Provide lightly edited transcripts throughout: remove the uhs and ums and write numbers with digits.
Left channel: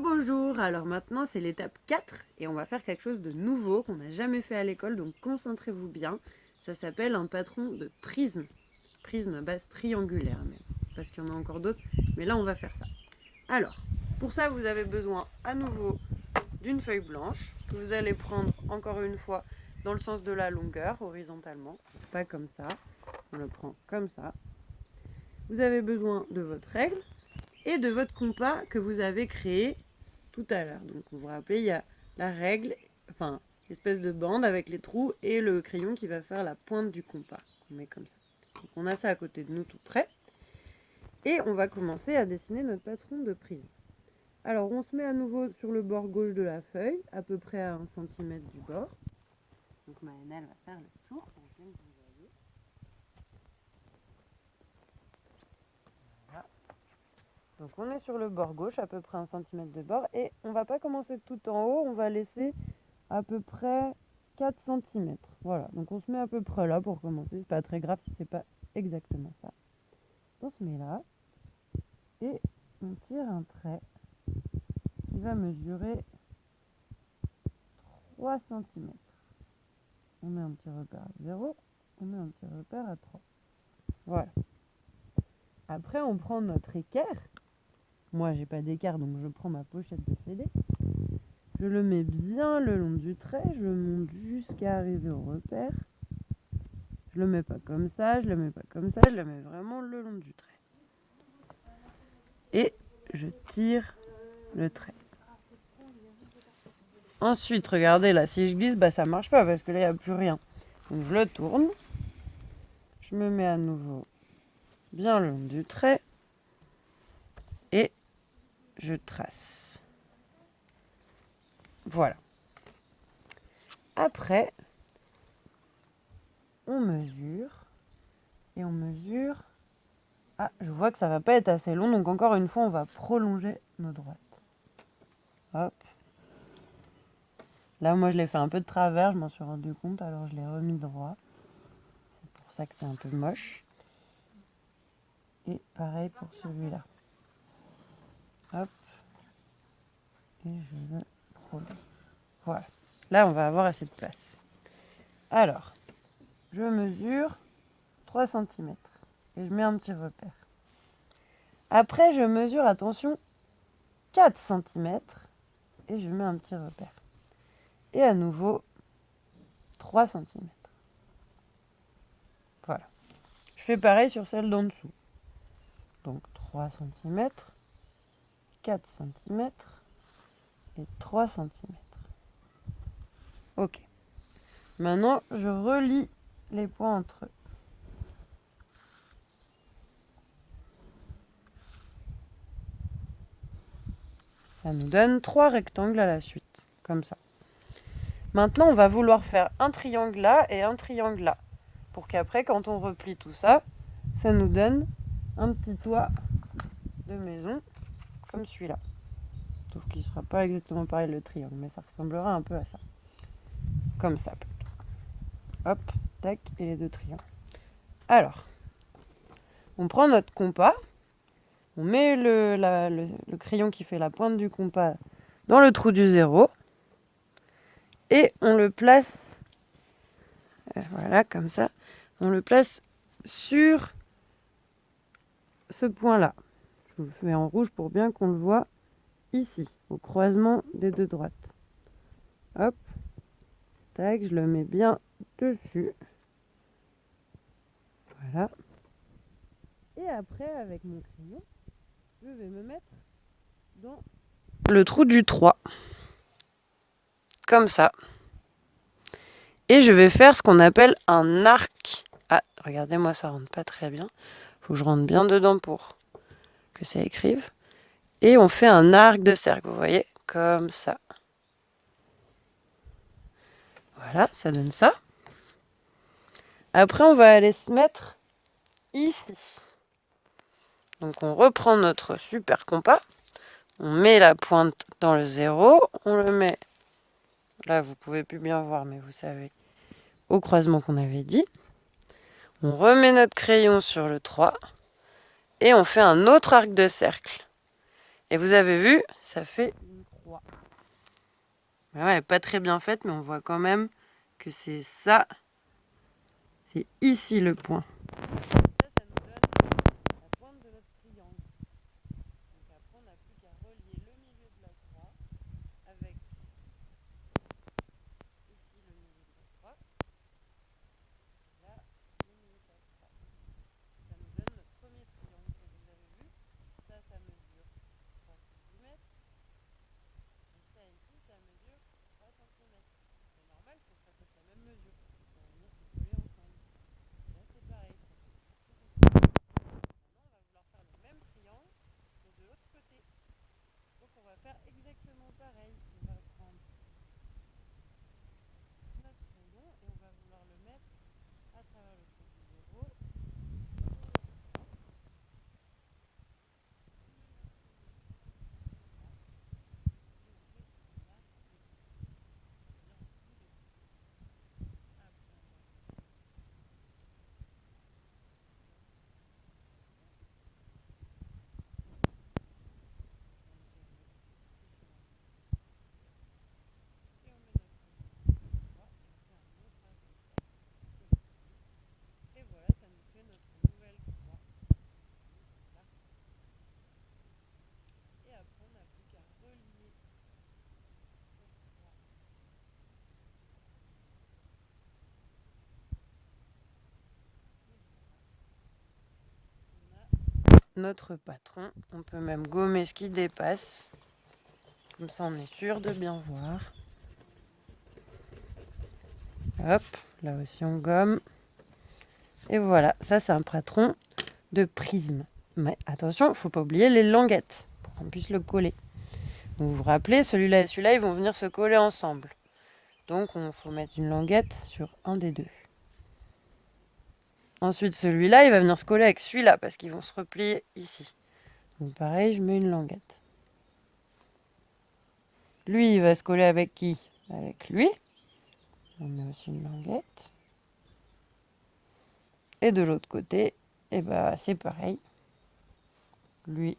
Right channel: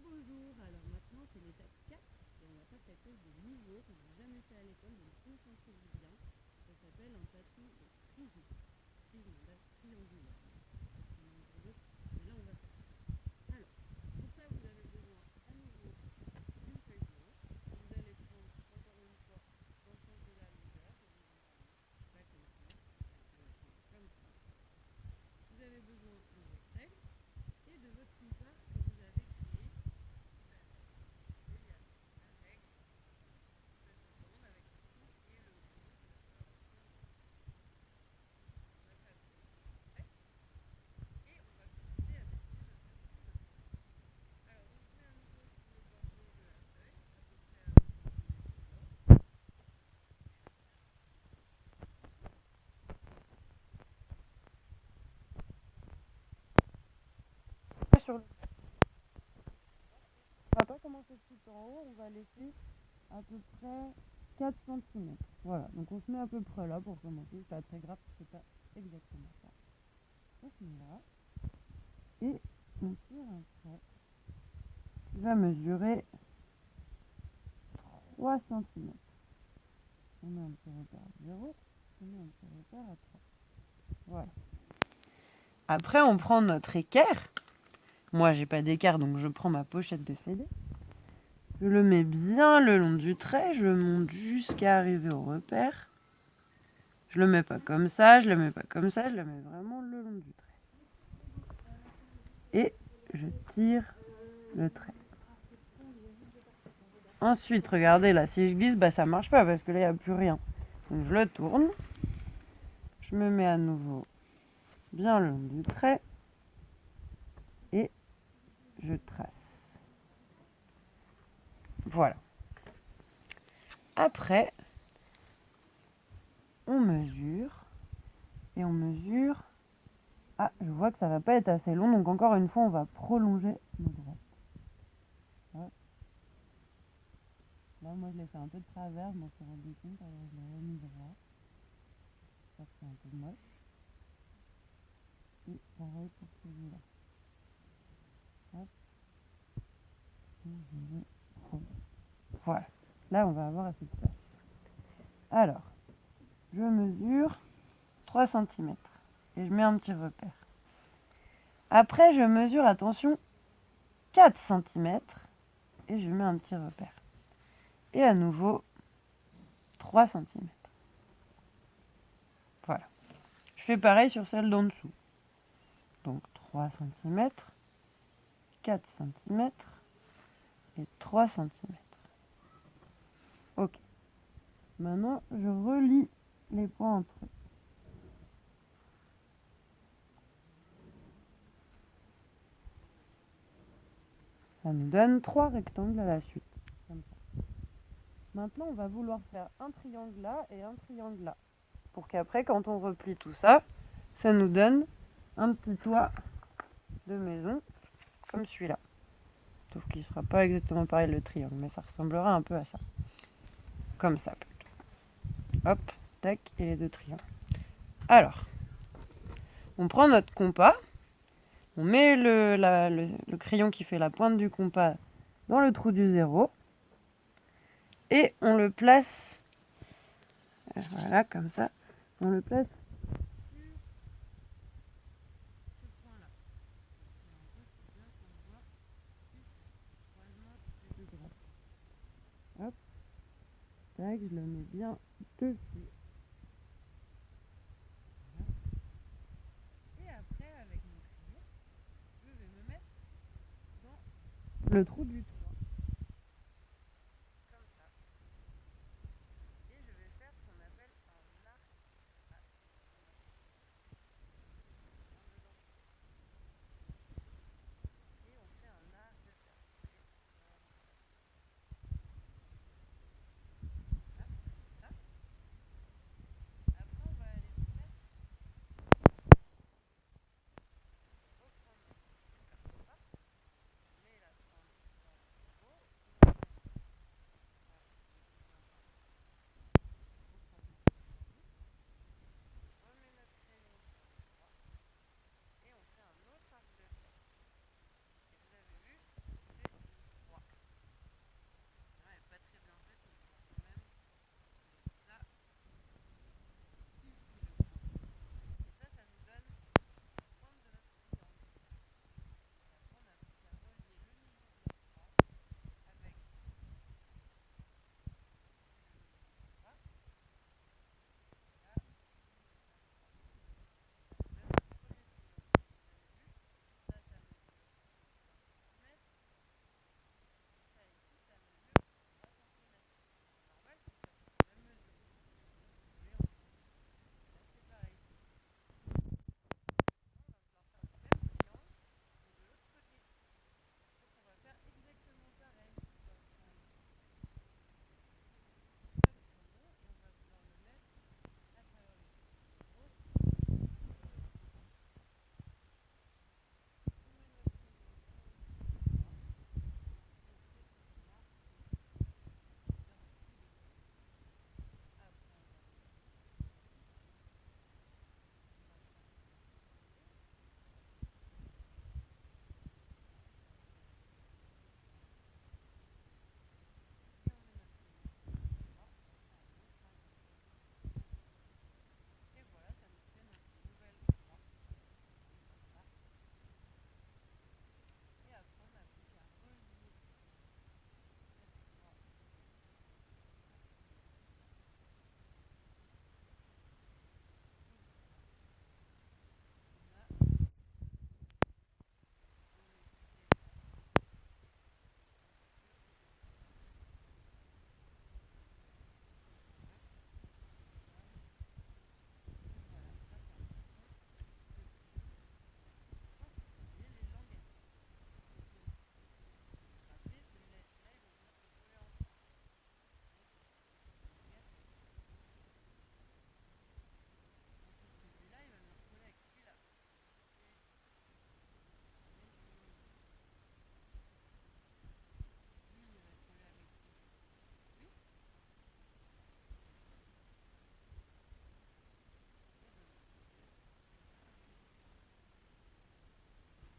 beau jour. Alors maintenant c'est l'étape 4 et on va faire quelque chose de nouveau qu'on n'a jamais fait à l'école, donc concentrez-vous bien. Ça s'appelle un patron de prisme. Prisme à base triangulaire même, parce qu'il y en a encore d'autres, mais là on va faire ça. Alors, pour ça vous avez besoin à nouveau d'une feuille blanche que vous allez prendre encore une fois dans le sens de la longueur, horizontalement, pas comme ça, on le prend comme ça. Vous avez besoin de votre règle et de votre compas que vous avez créé tout à l'heure. Donc vous vous rappelez, il y a la règle, enfin l'espèce de bande avec les trous et le crayon qui va faire la pointe du compas. On met comme ça. Donc on a ça à côté de nous tout près. Et on va commencer à dessiner notre patron de prisme. Alors on se met à nouveau sur le bord gauche de la feuille, à peu près à 1 cm du bord. Donc Maënelle va faire le tour. Voilà. Donc on est sur le bord gauche, à peu près 1 cm de bord, et on va pas commencer tout en haut, on va laisser à peu près 4 cm. Voilà, donc on se met à peu près là pour commencer, c'est pas très grave si c'est pas exactement ça. On se met là, et on tire un trait qui va mesurer 3 cm. On met un petit repère à 0, on met un petit repère à 3. Voilà. Après on prend notre équerre. Moi j'ai pas d'équerre donc je prends ma pochette de CD. Je le mets bien le long du trait, je monte jusqu'à arriver au repère. Je le mets pas comme ça, je le mets pas comme ça, je le mets vraiment le long du trait. Et je tire le trait. Ensuite, regardez là, si je glisse, ça marche pas parce que là il n'y a plus rien. Donc je le tourne, je me mets à nouveau bien le long du trait et je trace. Voilà. Après, on mesure et on mesure. Ah, je vois que ça va pas être assez long, donc encore une fois, on va prolonger nos droites. Hop. Là, moi, je l'ai fait un peu de travers, je m'en suis rendu compte, alors je l'ai remis droit. C'est pour ça que c'est un peu moche. Et pareil pour celui-là. Hop. Et je le prolonge. Voilà. Là, on va avoir assez de place. Alors, je mesure 3 cm et je mets un petit repère. Après, je mesure, attention, 4 cm et je mets un petit repère. Et à nouveau, 3 cm. Voilà. Je fais pareil sur celle d'en dessous. Donc 3 cm, 4 cm et 3 cm. Ok. Maintenant, je relie les points entre eux. Ça nous donne 3 rectangles à la suite, comme ça. Maintenant, on va vouloir faire un triangle là et un triangle là. Pour qu'après, quand on replie tout ça, ça nous donne un petit toit de maison, comme celui-là. Sauf qu'il ne sera pas exactement pareil le triangle, mais ça ressemblera un peu à ça. Comme ça, plutôt. Hop, tac, et les deux triangles. Alors, on prend notre compas, on met le crayon qui fait la pointe du compas dans le trou du 0, et on le place, voilà, comme ça, on le place sur ce point-là. Je vous fais en rouge pour bien qu'on le voit ici, au croisement des deux droites. Hop, tac, je le mets bien dessus. Voilà. Et après, avec mon crayon, je vais me mettre dans le trou du 3. Comme ça. Et je vais faire ce qu'on appelle un arc. Ah, regardez-moi, ça rentre pas très bien. Faut que je rentre bien dedans pour que ça écrive. Et on fait un arc de cercle, vous voyez, comme ça. Voilà, ça donne ça. Après, on va aller se mettre ici. Donc on reprend notre super compas. On met la pointe dans le 0. On le met, là vous pouvez plus bien voir, mais vous savez, au croisement qu'on avait dit. On remet notre crayon sur le 3. Et on fait un autre arc de cercle. Et vous avez vu, ça fait 3. Ouais, elle n'est pas très bien faite, mais on voit quand même que c'est ça. C'est ici le point. Ça nous donne la pointe de notre triangle. Donc après, on n'a plus qu'à relier le milieu de la croix avec ici le milieu de la croix. Là, le milieu de la croix. Ça nous donne le premier triangle. Et vous avez vu, ça mesure 3 cm. Et ça ici, ça mesure 3 cm. C'est normal, c'est que ça fasse la même mesure. Ça va venir se coller ensemble. Là, c'est pareil. Maintenant, on va vouloir faire le même triangle, mais de l'autre côté. Donc, on va faire exactement pareil. On va prendre notre rondon et on va vouloir le mettre à travers le trou du 0. Et voilà, ça nous fait notre nouvelle croix. Et après, on n'a plus qu'à relier notre croix. On a notre patron. On peut même gommer ce qui dépasse. Comme ça, on est sûr de bien voir. Hop, là aussi on gomme. Et voilà, ça c'est un patron de prisme. Mais attention, il ne faut pas oublier les languettes pour qu'on puisse le coller. Donc vous vous rappelez, celui-là et celui-là, ils vont venir se coller ensemble. Donc il faut mettre une languette sur un des deux. Ensuite, celui-là, il va venir se coller avec celui-là parce qu'ils vont se replier ici. Donc pareil, je mets une languette. Lui, il va se coller avec qui? Avec lui. On met aussi une languette. Et de l'autre côté, et bah, c'est pareil. Lui,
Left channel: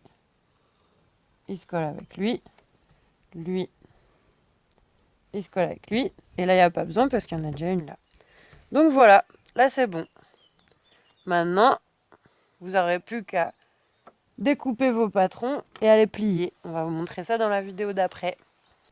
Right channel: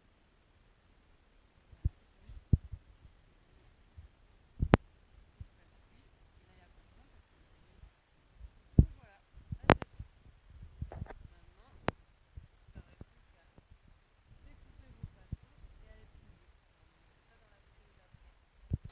il se colle avec lui. Lui, il se colle avec lui. Et là, il n'y a pas besoin parce qu'il y en a déjà une là. Donc voilà, là c'est bon. Maintenant, vous n'aurez plus qu'à découper vos patrons et à les plier. On va vous montrer ça dans la vidéo d'après.